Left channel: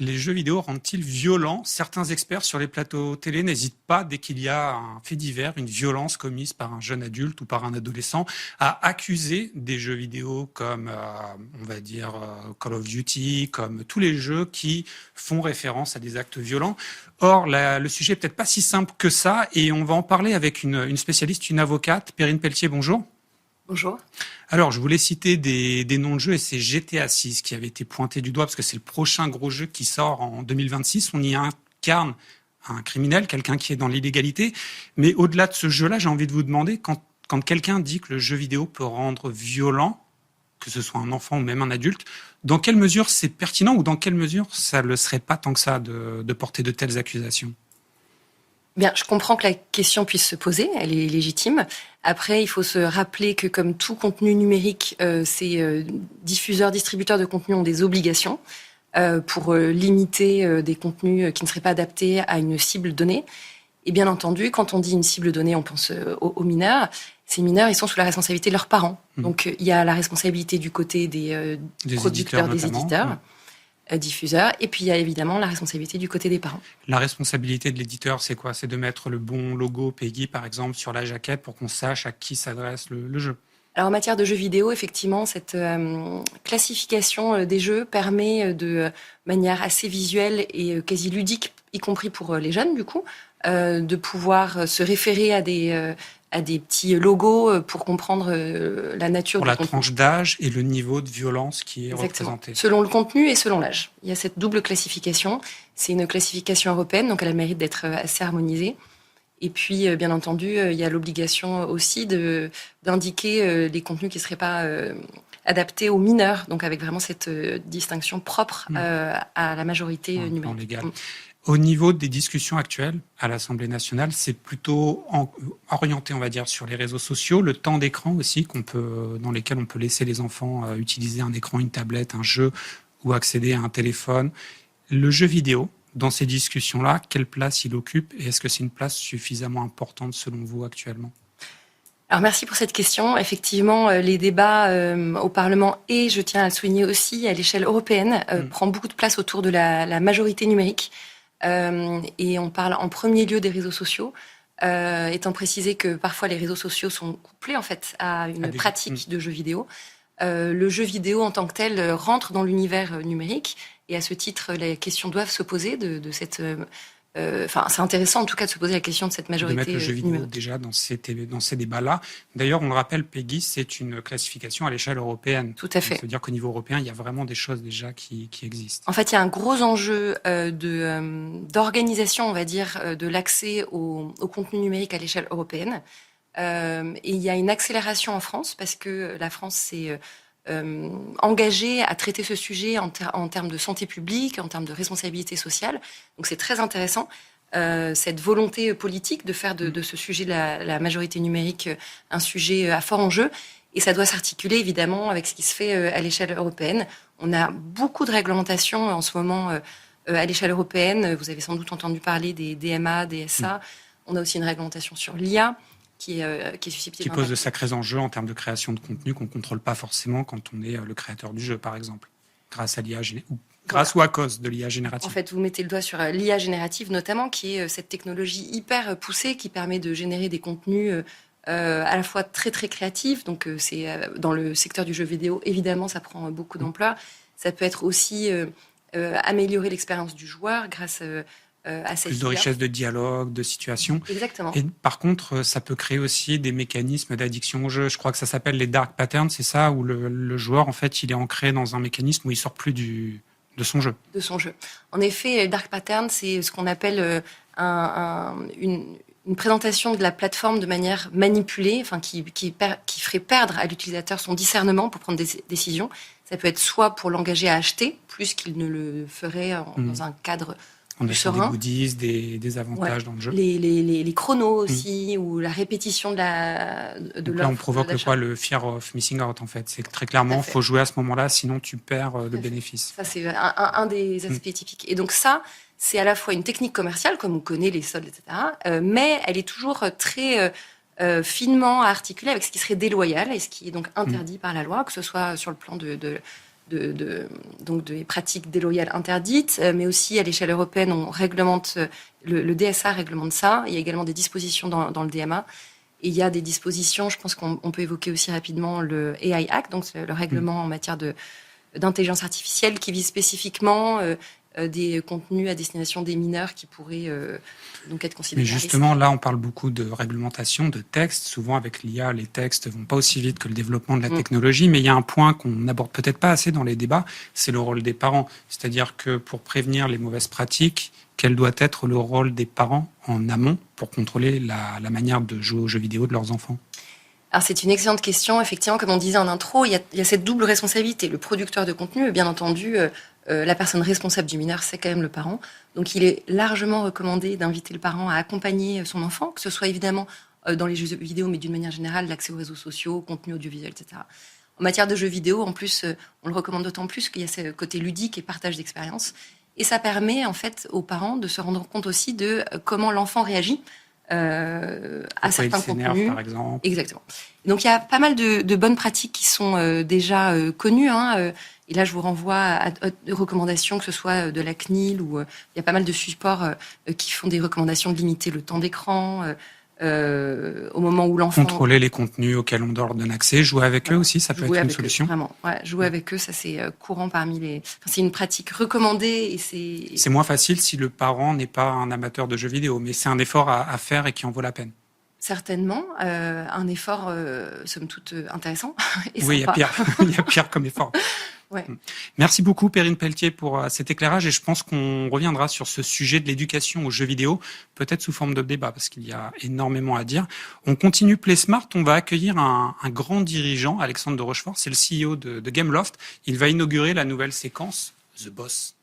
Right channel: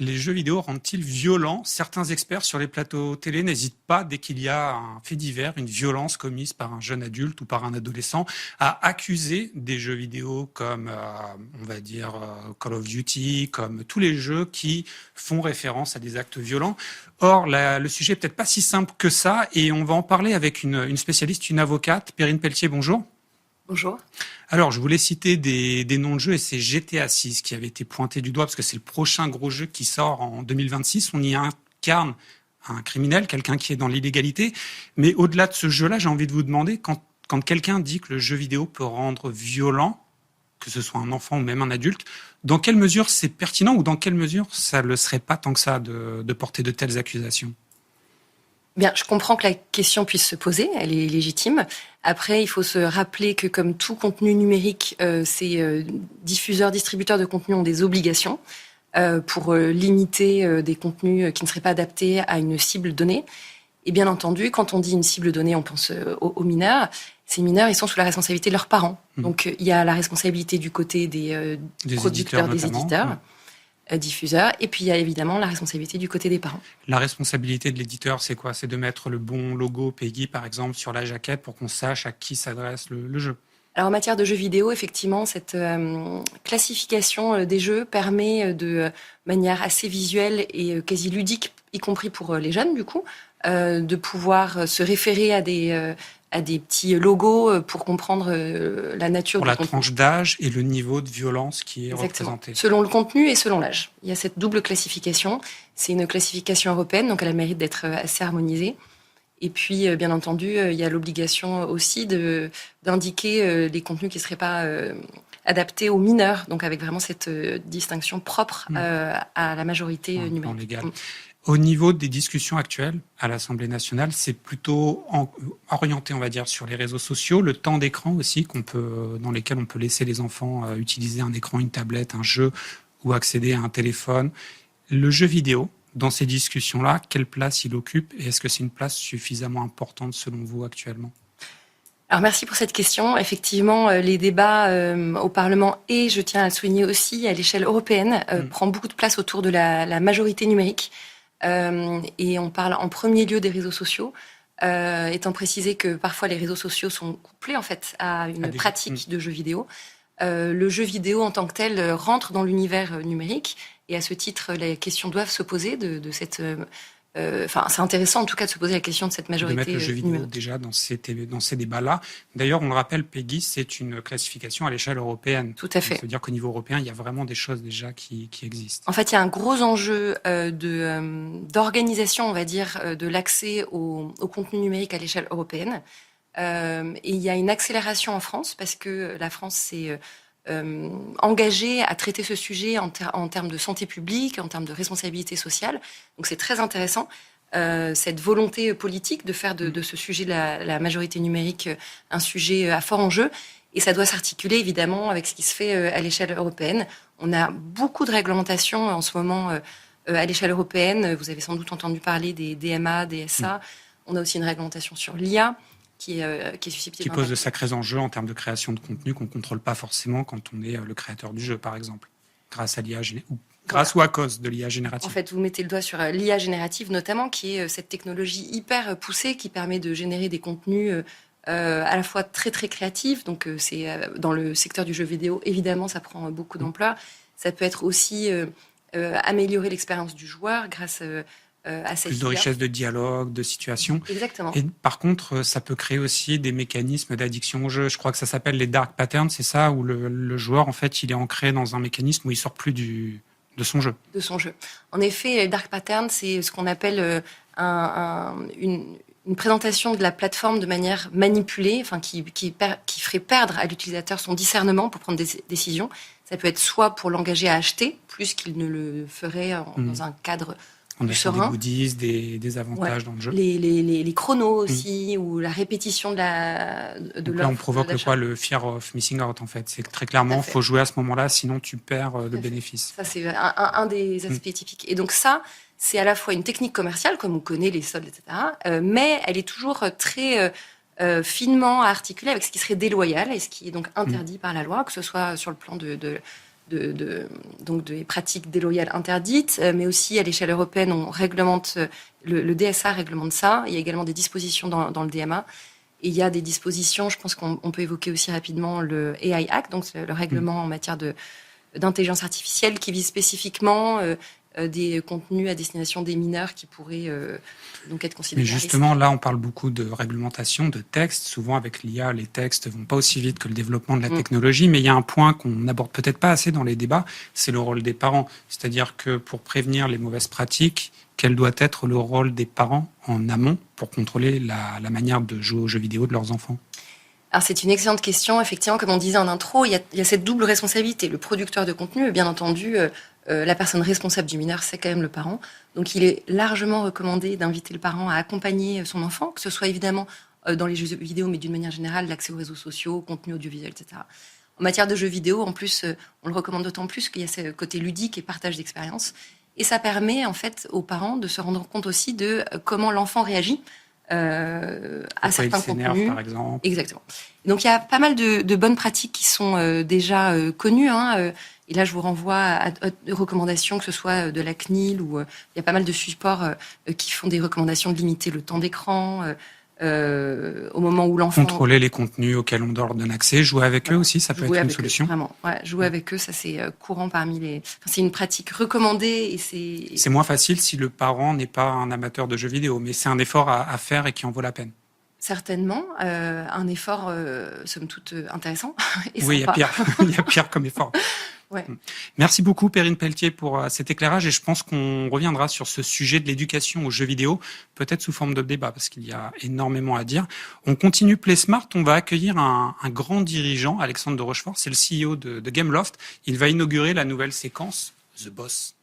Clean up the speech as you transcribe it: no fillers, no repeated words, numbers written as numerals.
Les jeux vidéo rendent-ils violents? Certains experts sur les plateaux télé n'hésitent pas, dès qu'il y a un fait divers, une violence commise par un jeune adulte ou par un adolescent, à accuser des jeux vidéo comme, on va dire, Call of Duty, comme tous les jeux qui font référence à des actes violents. Or, le sujet est peut-être pas si simple que ça, et on va en parler avec une spécialiste, une avocate. Perrine Pelletier, bonjour. Bonjour. Alors, je voulais citer des noms de jeux, et c'est GTA 6 qui avait été pointé du doigt, parce que c'est le prochain gros jeu qui sort en 2026. On y incarne un criminel, quelqu'un qui est dans l'illégalité. Mais au-delà de ce jeu-là, j'ai envie de vous demander, quand quelqu'un dit que le jeu vidéo peut rendre violent, que ce soit un enfant ou même un adulte, dans quelle mesure c'est pertinent ou dans quelle mesure ça ne le serait pas tant que ça de porter de telles accusations? Bien, je comprends que la question puisse se poser, elle est légitime. Après, il faut se rappeler que comme tout contenu numérique, ces diffuseurs, distributeurs de contenu ont des obligations pour limiter des contenus qui ne seraient pas adaptés à une cible donnée. Et bien entendu, quand on dit une cible donnée, on pense aux mineurs. Ces mineurs, ils sont sous la responsabilité de leurs parents. Donc, il y a la responsabilité du côté des producteurs, des éditeurs, diffuseurs, et puis il y a évidemment la responsabilité du côté des parents. La responsabilité de l'éditeur, c'est quoi? C'est de mettre le bon logo PEGI, par exemple, sur la jaquette pour qu'on sache à qui s'adresse le jeu. Alors en matière de jeux vidéo, effectivement, cette classification des jeux permet de manière assez visuelle et quasi ludique, y compris pour les jeunes du coup, de pouvoir se référer à des petits logos pour comprendre la nature pour du la contenu. tranche d'âge et le niveau de violence qui est Exactement. représenté. Selon le contenu et selon l'âge. Il y a cette double classification. C'est une classification européenne, donc elle a le mérite d'être assez harmonisée. Et puis, bien entendu, il y a l'obligation aussi d'indiquer des contenus qui ne seraient pas adaptés aux mineurs, donc avec vraiment cette distinction propre à la majorité numérique. Légal. Au niveau des discussions actuelles à l'Assemblée nationale, c'est plutôt orienté, on va dire, sur les réseaux sociaux, le temps d'écran aussi dans lesquels on peut laisser les enfants utiliser un écran, une tablette, un jeu ou accéder à un téléphone. Le jeu vidéo, dans ces discussions-là, quelle place il occupe et est-ce que c'est une place suffisamment importante selon vous actuellement? Alors merci pour cette question. Effectivement, les débats au Parlement et, je tiens à le souligner aussi, à l'échelle européenne, prend beaucoup de place autour de la majorité numérique. Et on parle en premier lieu des réseaux sociaux, étant précisé que parfois les réseaux sociaux sont couplés en fait à une pratique de jeux vidéo. Le jeu vidéo en tant que tel rentre dans l'univers numérique et à ce titre, les questions doivent se poser de cette... c'est intéressant en tout cas de se poser la question de cette majorité de mettre le jeu vidéo numérique. déjà dans ces débats-là. D'ailleurs, on le rappelle, PEGI, c'est une classification à l'échelle européenne. Tout à fait. Ça veut dire qu'au niveau européen, il y a vraiment des choses déjà qui existent. En fait, il y a un gros enjeu d'organisation, on va dire, de l'accès au contenu numérique à l'échelle européenne. Et il y a une accélération en France parce que la France s'est engagée à traiter ce sujet en termes de santé publique, en termes de responsabilité sociale. Donc c'est très intéressant, cette volonté politique de faire de ce sujet de la majorité numérique un sujet à fort enjeu. Et ça doit s'articuler évidemment avec ce qui se fait à l'échelle européenne. On a beaucoup de réglementations en ce moment à l'échelle européenne. Vous avez sans doute entendu parler des DMA, des SA. On a aussi une réglementation sur l'IA qui est susceptible qui pose de sacrés enjeux en termes de création de contenu qu'on ne contrôle pas forcément quand on est le créateur du jeu, par exemple, grâce à l'IA ou à cause de l'IA générative. En fait, vous mettez le doigt sur l'IA générative notamment, qui est cette technologie hyper poussée qui permet de générer des contenus à la fois très très créatifs. Donc c'est dans le secteur du jeu vidéo, évidemment, ça prend beaucoup d'ampleur. Ça peut être aussi améliorer l'expérience du joueur grâce à cette plus de richesse de dialogue, de situation. Exactement. Et par contre, ça peut créer aussi des mécanismes d'addiction au jeu. Je crois que ça s'appelle les dark patterns, c'est ça, où le joueur, en fait, il est ancré dans un mécanisme où il sort plus de son jeu. De son jeu. En effet, dark pattern, c'est ce qu'on appelle une présentation de la plateforme de manière manipulée, enfin qui ferait perdre à l'utilisateur son discernement pour prendre des décisions. Ça peut être soit pour l'engager à acheter, plus qu'il ne le ferait dans un cadre plus serein. Des goodies, des avantages dans le jeu. Les chronos aussi, ou la répétition de l'offre. Là, on provoque le fear of missing out, en fait. C'est très clairement, il faut jouer à ce moment-là, sinon tu perds le bénéfice. Ça, c'est un des aspects typiques. Et donc ça, c'est à la fois une technique commerciale, comme on connaît les soldes, etc., mais elle est toujours très finement articulée avec ce qui serait déloyal et ce qui est donc interdit par la loi, que ce soit sur le plan de donc des pratiques déloyales interdites, mais aussi à l'échelle européenne, on réglemente, le DSA réglemente ça. Il y a également des dispositions dans le DMA. Et il y a des dispositions, je pense qu'on peut évoquer aussi rapidement le AI Act, donc le règlement en matière d'intelligence artificielle qui vise spécifiquement des contenus à destination des mineurs qui pourraient donc être considérés. Mais justement, là, on parle beaucoup de réglementation, de textes. Souvent, avec l'IA, les textes vont pas aussi vite que le développement de la technologie. Mais il y a un point qu'on n'aborde peut-être pas assez dans les débats, c'est le rôle des parents. C'est-à-dire que pour prévenir les mauvaises pratiques, quel doit être le rôle des parents en amont pour contrôler la manière de jouer aux jeux vidéo de leurs enfants? Alors c'est une excellente question. Effectivement, comme on disait en intro, il y a cette double responsabilité. Le producteur de contenu, bien entendu, la personne responsable du mineur, c'est quand même le parent. Donc il est largement recommandé d'inviter le parent à accompagner son enfant, que ce soit évidemment dans les jeux vidéo, mais d'une manière générale, l'accès aux réseaux sociaux, contenu audiovisuel, etc. En matière de jeux vidéo, en plus, on le recommande d'autant plus qu'il y a ce côté ludique et partage d'expérience. Et ça permet en fait aux parents de se rendre compte aussi de comment l'enfant réagit à certains contenus. Par exemple. Exactement. Donc il y a pas mal de bonnes pratiques qui sont déjà connues. Et là, je vous renvoie à des recommandations, que ce soit de la CNIL ou il y a pas mal de supports qui font des recommandations de limiter le temps d'écran au moment où l'enfant... Contrôler les contenus auxquels on donne accès, jouer avec eux aussi, ça peut être une solution. Vraiment, jouer avec eux, ça c'est courant parmi les... Enfin, c'est une pratique recommandée et c'est... C'est moins facile si le parent n'est pas un amateur de jeux vidéo, mais c'est un effort à faire et qui en vaut la peine. Certainement, un effort, somme toute, intéressant et oui, sympa. Il y a pire comme effort. Ouais. Merci beaucoup Perrine Pelletier pour cet éclairage et je pense qu'on reviendra sur ce sujet de l'éducation aux jeux vidéo, peut-être sous forme de débat parce qu'il y a énormément à dire. On continue PlaySmart, on va accueillir un grand dirigeant, Alexandre de Rochefort, c'est le CEO de Gameloft. Il va inaugurer la nouvelle séquence The Boss.